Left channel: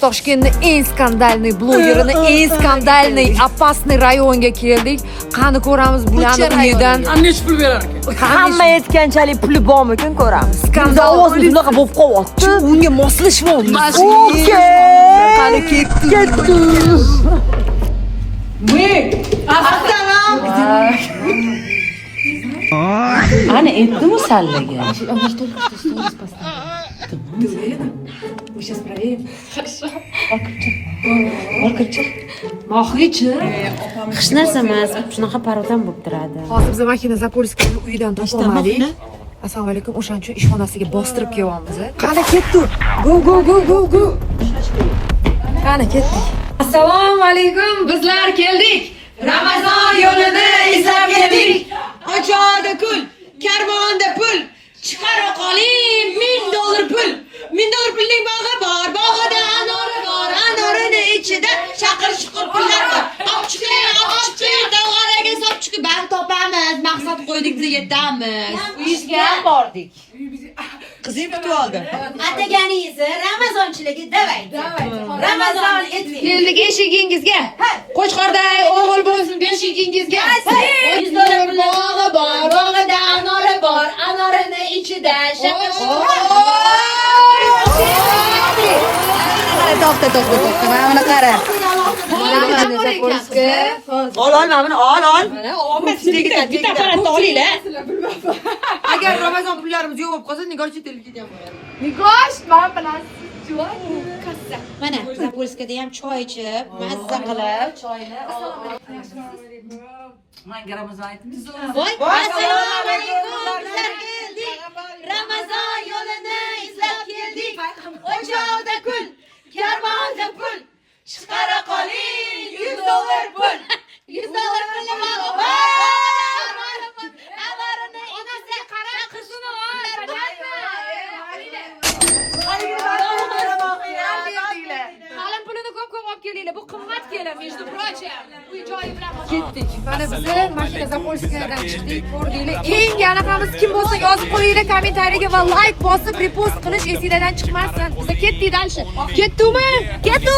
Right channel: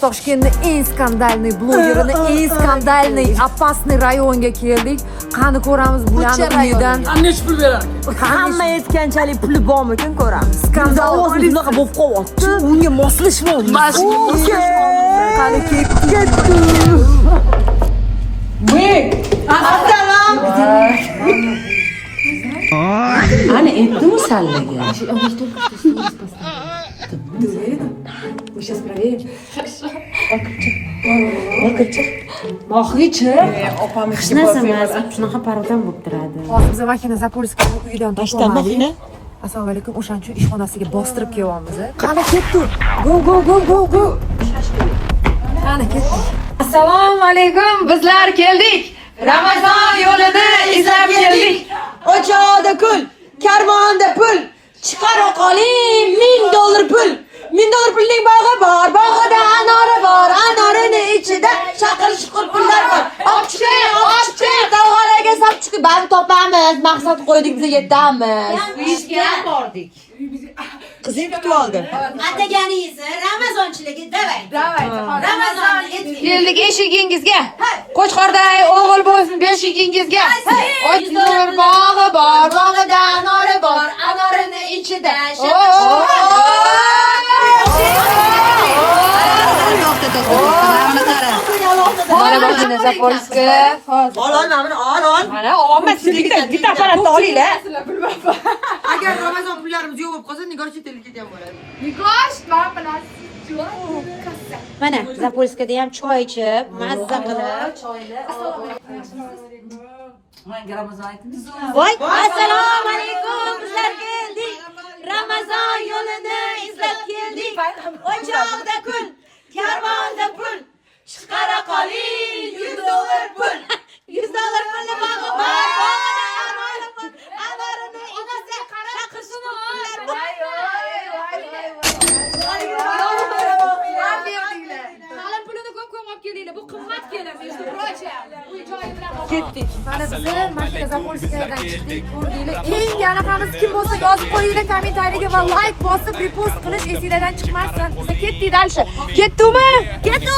Toshkentning eng skandalniy blogerini, eng skandalniy, opasniy rayonga keldik. Qani ko'ramiz bularni uyidan. Nech pul berar ekan? Hamma aytganchalik puli bormikan ko'ramiz. Skandal ovoz bunaqa bo'lib qolyapti. Unga moslashmoqmiz. Qani ketdi. Assalom. Ana aytdim sallaga. Сейчас проверим. Хорошо. Mohichi. Hech narsa emas. Shunaqa parodan bo'lib turadi. Hozir biz makina Zapolskiyning uyidan topolmadik. Assalomu alaykum. O'shaning uchun ishxonasiga bostirib kelyapmiz. Qani ketdi. Go. Qani ketdik. Assalomu alaykum. Bizlar keldik. Ramazon yo'lida izlab keldik. O'choqda kul, karvonda pul. Chiqara qoling $1000 pul. $1000 pulning bog'i bor, bog'ida anori bor, anorini ichida shaqir-shuqur pullar bor. Opchiqing, davg'araga solib chiqib, bani topamiz, maqsad qo'ydik, biz yetamiz. Uyga ham bordik. Qizing kutib oldi. Ataganingizni Ramazonchiligi davay. Ramazon etdik. Keldik eshigingizga. Qo'chqorday o'g'il bo'lsin beshigingizga. O'tlar bog'i bor, bog'ida anori bor, anorini ichida To'xta. Mana qara. Mana bog'ini Zapolskiy. Ol, mana ol. Mana olmas bitta apparatni olinglar. Agar Ramazon pullarimiz yo'q bo'lib qolsa, Nigor chet elga ham bo'ladi. Mana Zapolskiyada ham choy ichib, mazza qilib. Voy, assalomu alaykum. Bizlar keldik. Ramazon yo'lini izlab keldik. O'choqda kul, karvonda pul. Chiqara qoling $100 pul. $100 pulni bog'i bor. Anorini ichida qishni olar. Qalin pulini ko'p olib kelinglar. Bu qimmat kelar, между прочим. Uy joyi bilan ketdik. Mana biz makina Zapolskiyadan chiqdik. Ko'rdinglar. Eng anaqamiz kim bo'lsa yozib qo'yinglar kommentariyaga va like bosib repost qilish esingizdan chiqmasin. Biz ketdik dalshi. Ketdimi? Ketdi.